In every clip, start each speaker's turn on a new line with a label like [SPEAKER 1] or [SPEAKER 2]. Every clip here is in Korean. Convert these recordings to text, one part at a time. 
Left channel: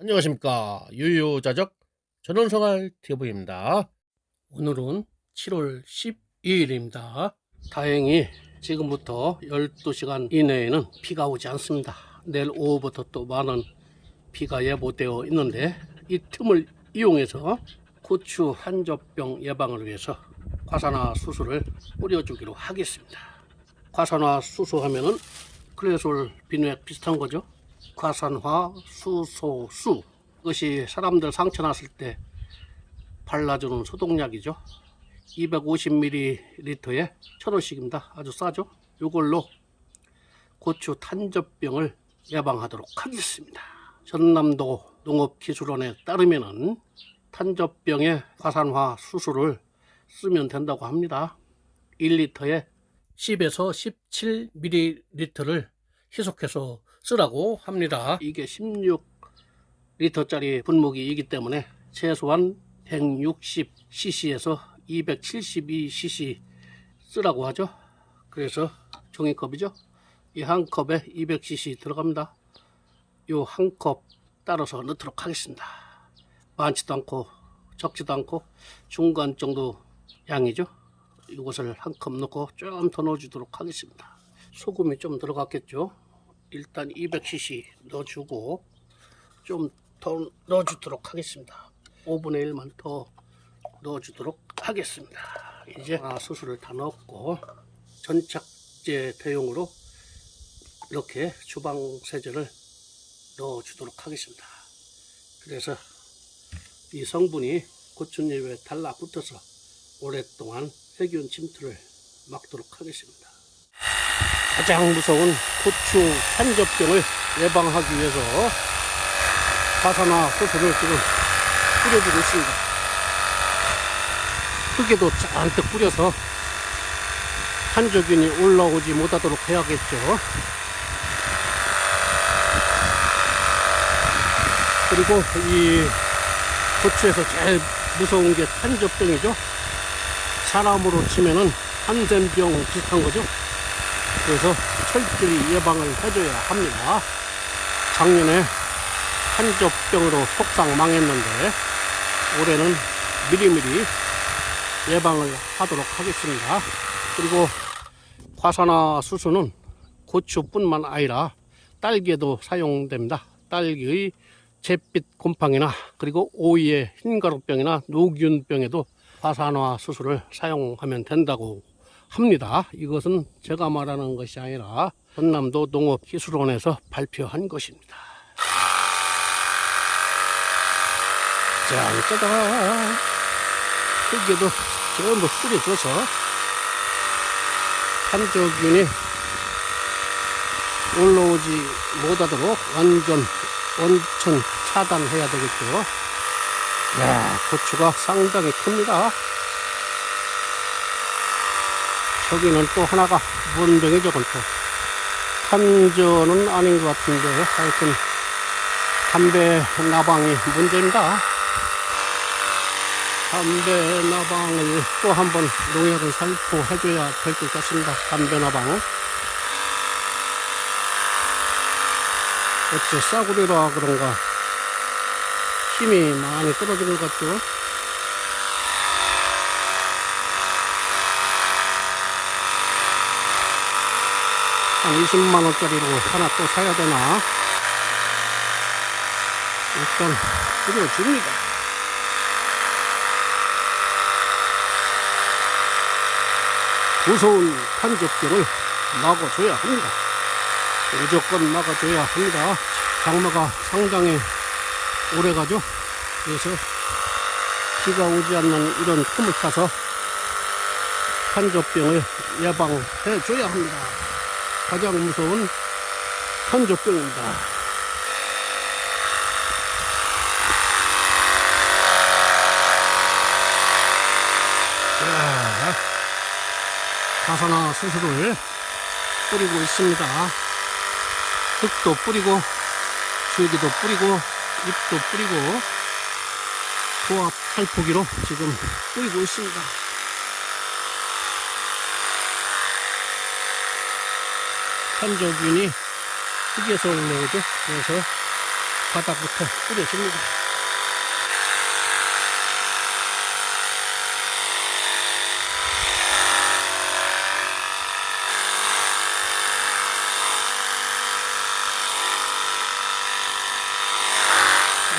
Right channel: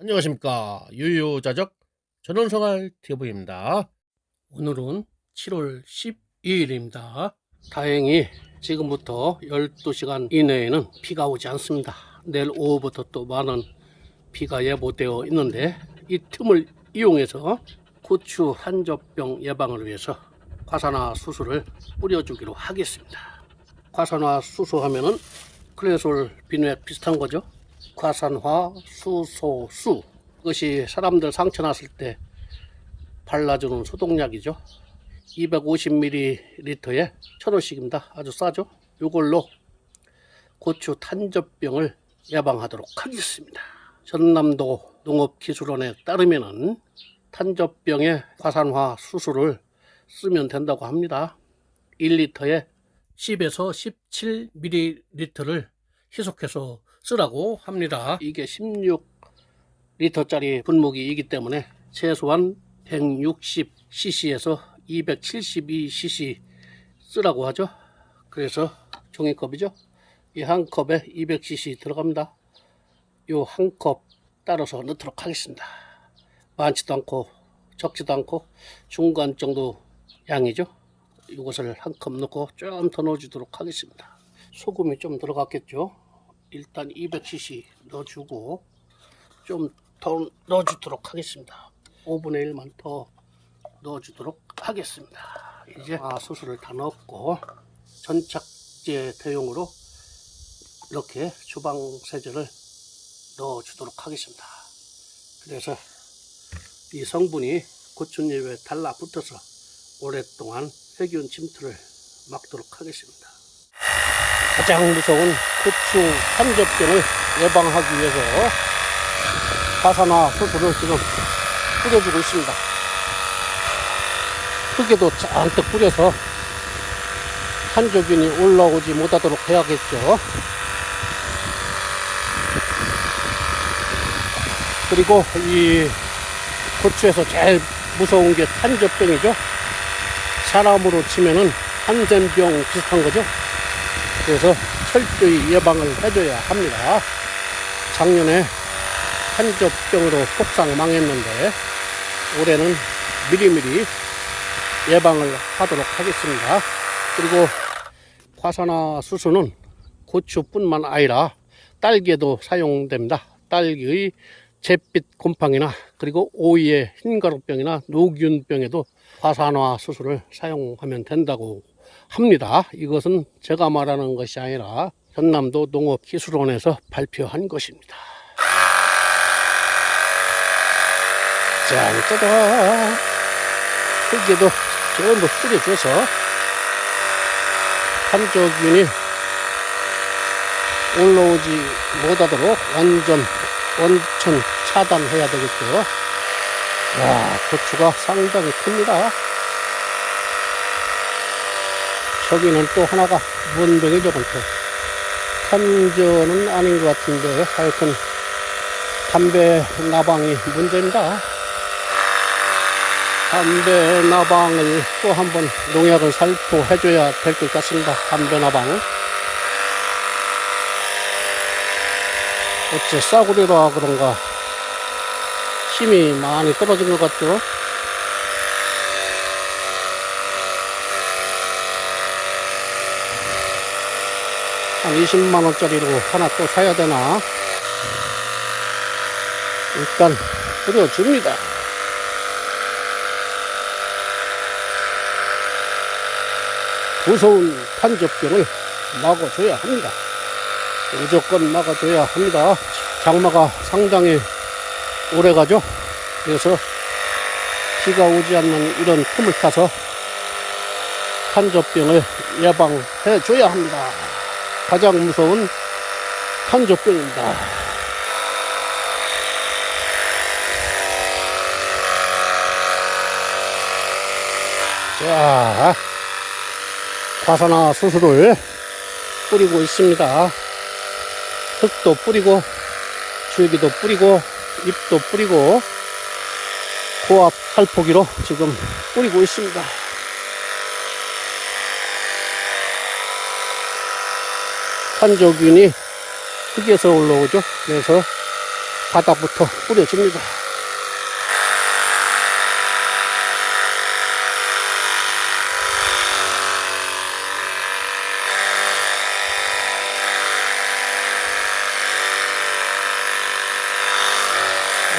[SPEAKER 1] 안녕하십니까. 유유자적 전원생활 TV입니다. 오늘은 7월 12일입니다. 다행히 지금부터 12시간 이내에는 비가 오지 않습니다. 내일 오후부터 또 많은 비가 예보되어 있는데 이 틈을 이용해서 고추 한젖병 예방을 위해서 과산화 수소를 뿌려주기로 하겠습니다. 과산화 수소 하면은 클레솔 비누액 비슷한 거죠 과산화 수소수. 이것이 사람들 상처 났을 때 발라주는 소독약이죠. 250ml에 천 원씩입니다. 아주 싸죠? 이걸로 고추 탄저병을 예방하도록 하겠습니다. 전남도 농업기술원에 따르면은 탄저병의 과산화 수소를 쓰면 된다고 합니다. 1리터에 10에서 17ml를 희석해서 쓰라고 합니다. 이게 16리터짜리 분무기이기 때문에 최소한 160cc에서 272cc 쓰라고 하죠. 그래서 종이컵이죠. 이 한 컵에 200cc 들어갑니다. 요 한 컵 따라서 넣도록 하겠습니다. 많지도 않고 적지도 않고 중간 정도 양이죠. 이것을 한 컵 넣고 좀 더 넣어주도록 하겠습니다. 소금이 좀 들어갔겠죠. 일단 200cc 넣어주고 좀 더 넣어주도록 하겠습니다. 5분의 1만 더 넣어주도록 하겠습니다. 이제 아, 수술을 다 넣었고 전착제 대용으로 이렇게 주방 세제를 넣어 주도록 하겠습니다. 그래서 이 성분이 고추잎에 달라붙어서 오랫동안 세균 침투를 막도록 하겠습니다. 가장 무서운 고추 산접병을 예방하기 위해서 화산화 수소를 지금 뿌려주고 있습니다. 흙에도 잔뜩 뿌려서 한조균이 올라오지 못하도록 해야겠죠. 그리고 이 고추에서 제일 무서운 게 탄저병이죠. 사람으로 치면은 한센병 비슷한 거죠. 그래서 철저히 예방을 해줘야 합니다. 작년에 한저병으로 속상 망했는데 올해는 미리미리 예방을 하도록 하겠습니다. 그리고 과산화 수소는 고추뿐만 아니라 딸기에도 사용됩니다. 딸기의 잿빛 곰팡이나 그리고 오이의 흰가루병이나 노균병에도 과산화 수소를 사용하면 된다고 합니다. 이것은 제가 말하는 것이 아니라 전남도 농업기술원에서 발표한 것입니다. 짠, 짜잔. 흙에도 전부 뿌려줘서 한조균이 올라오지 못하도록 완전 원천 차단해야 되겠죠. 야, 고추가 상당히 큽니다. 저기는 또 하나가 문병이죠, 그건 또. 탄저는 아닌 것 같은데, 하여튼, 담배 나방이 문제입니다. 담배 나방을 또 한번 농약을 살포해줘야 될 것 같습니다. 담배 나방. 어째 싸구려라 그런가 힘이 많이 떨어진 것 같죠? 한 20만원짜리로 하나 또 사야 되나? 일단 뿌려줍니다. 무서운 판적병을 막아줘야 합니다. 무조건 막아줘야 합니다. 장마가 상당히 오래 가죠. 그래서 비가 오지 않는 이런 틈을 타서 탄저병을 예방해 줘야 합니다. 가장 무서운 탄저병입니다. 자, 과산화 수술을 뿌리고 있습니다. 흙도 뿌리고, 줄기도 뿌리고, 잎도 뿌리고, 고압 살포기로 지금 뿌리고 있습니다. 한조균이 흙에서 올라오죠. 그래서 바닥부터 뿌려줍니다.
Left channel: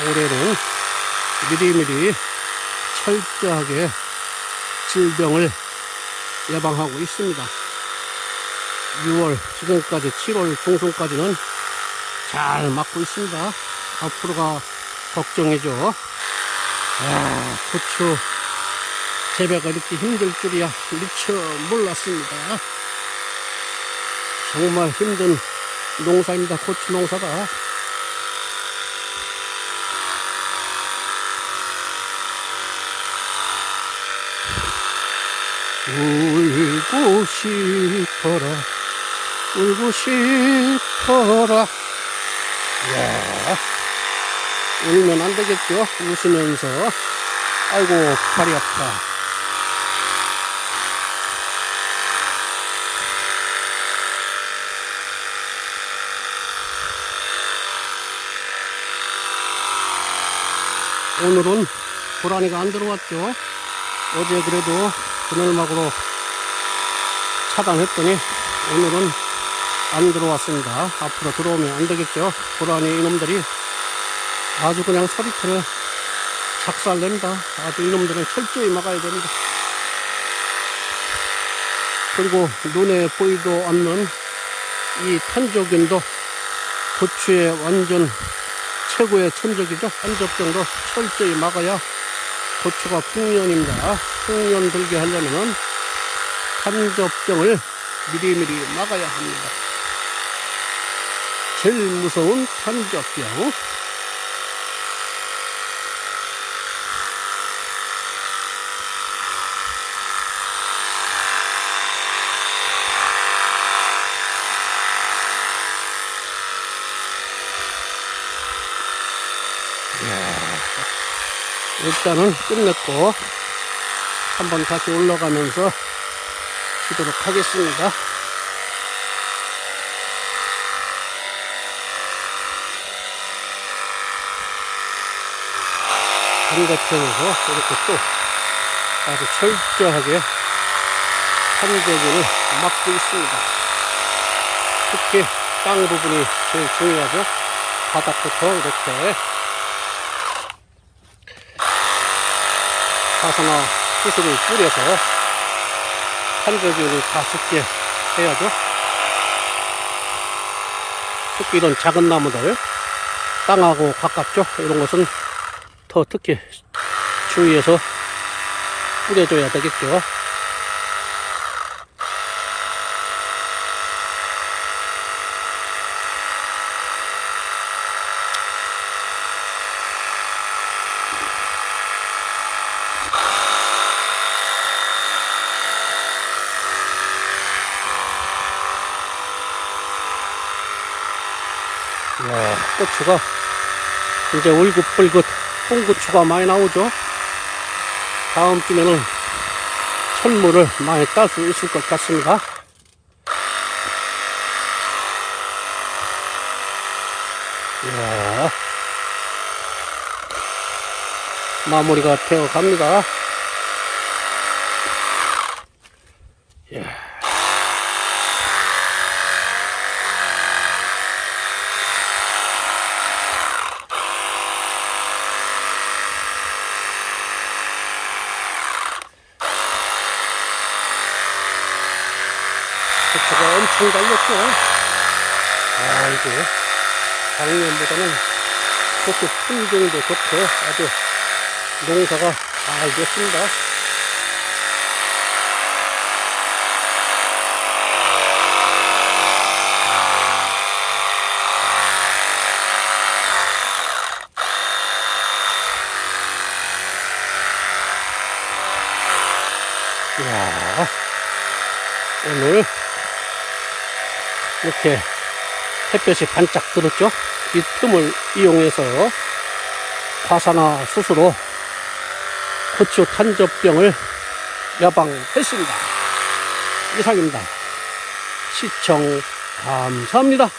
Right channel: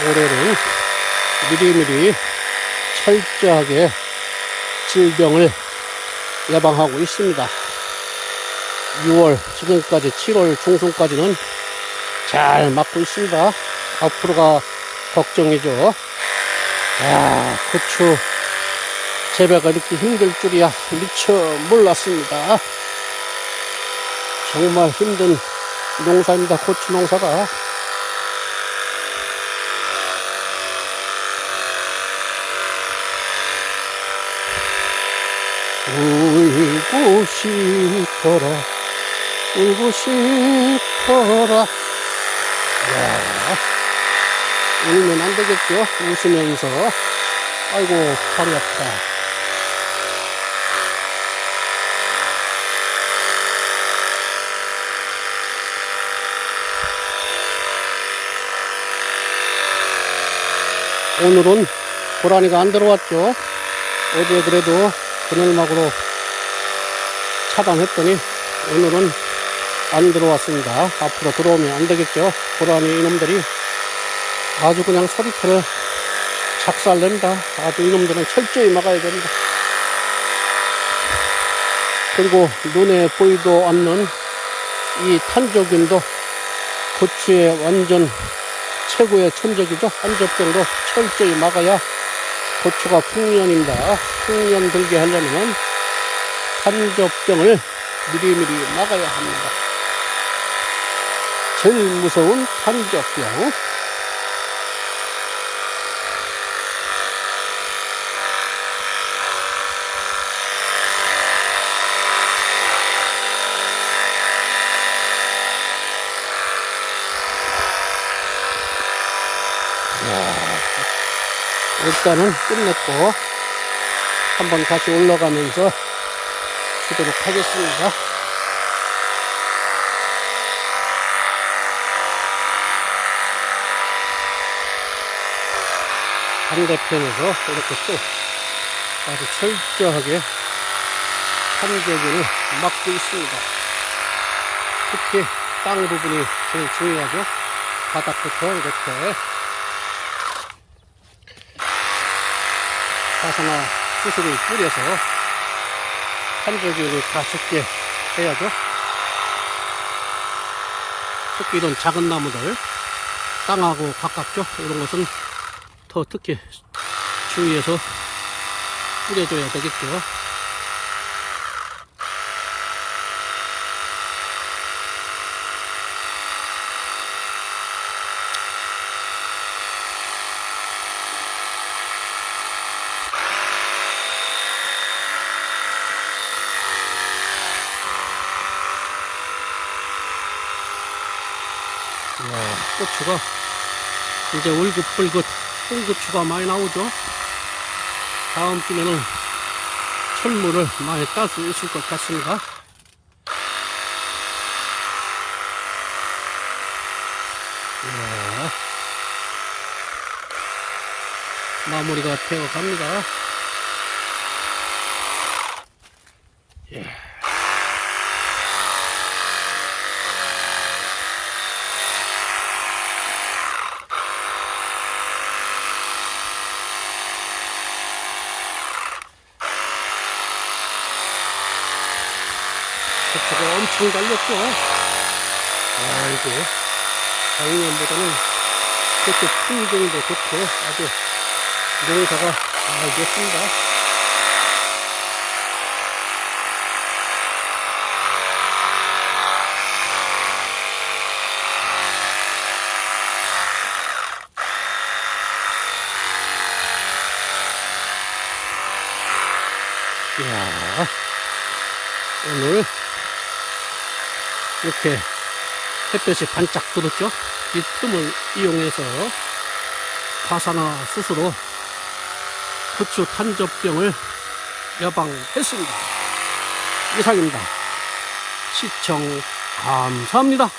[SPEAKER 1] 올해는 미리미리 철저하게 질병을 예방하고 있습니다. 6월 지금까지 7월 중순까지는 잘 맞고 있습니다. 앞으로가 걱정이죠. 야, 고추 재배가 이렇게 힘들 줄이야 미처 몰랐습니다. 정말 힘든 농사입니다. 고추 농사가. 울고 싶어라 울고 싶어라. 야 울면 안 되겠죠? 웃으면서. 아이고 팔이 아프다 오늘은 고라니가 안 들어왔죠? 어제 그래도 그늘막으로 차단했더니 오늘은 안 들어왔습니다. 앞으로 들어오면 안 되겠죠. 고라니 이놈들이 아주 그냥 소리터를 작살냅니다. 아주 이놈들은 철저히 막아야 됩니다. 그리고 눈에 보이도 않는 이 탄저균도 고추의 완전 최고의 천적이죠. 한접병도 철저히 막아야 고추가 풍년입니다. 풍년 들게 하려면 탄저병을 미리미리 막아야 합니다. 제일 무서운 탄저병. 일단은 끝냈고 한번 다시 올라가면서 쉬도록 하겠습니다. 반대편으로 이렇게 또 아주 철저하게 산적을 막고 있습니다. 특히 땅 부분이 제일 중요하죠. 바닥부터 이렇게 화산화 수술을 뿌려서 산적균이 다 죽게 해야죠. 특히 이런 작은 나무들, 땅하고 가깝죠. 이런 것은 더 특히 주위에서 뿌려줘야 되겠죠. 이야, 고추가 이제 울긋불긋 홍고추가 많이 나오죠. 다음 주면은 선물을 많이 딸 수 있을 것 같습니다. 이야, 마무리가 되어 갑니다. 이야. 고추가 엄청 달렸죠. 아이고, 작년보다는 고추 품종도 좋고 아주 농사가 잘 됐습니다. 이야, 오늘 이렇게 햇볕이 반짝 들었죠? 이 틈을 이용해서 과산화 수수로 고추 탄저병을 예방했습니다. 이상입니다. 시청 감사합니다.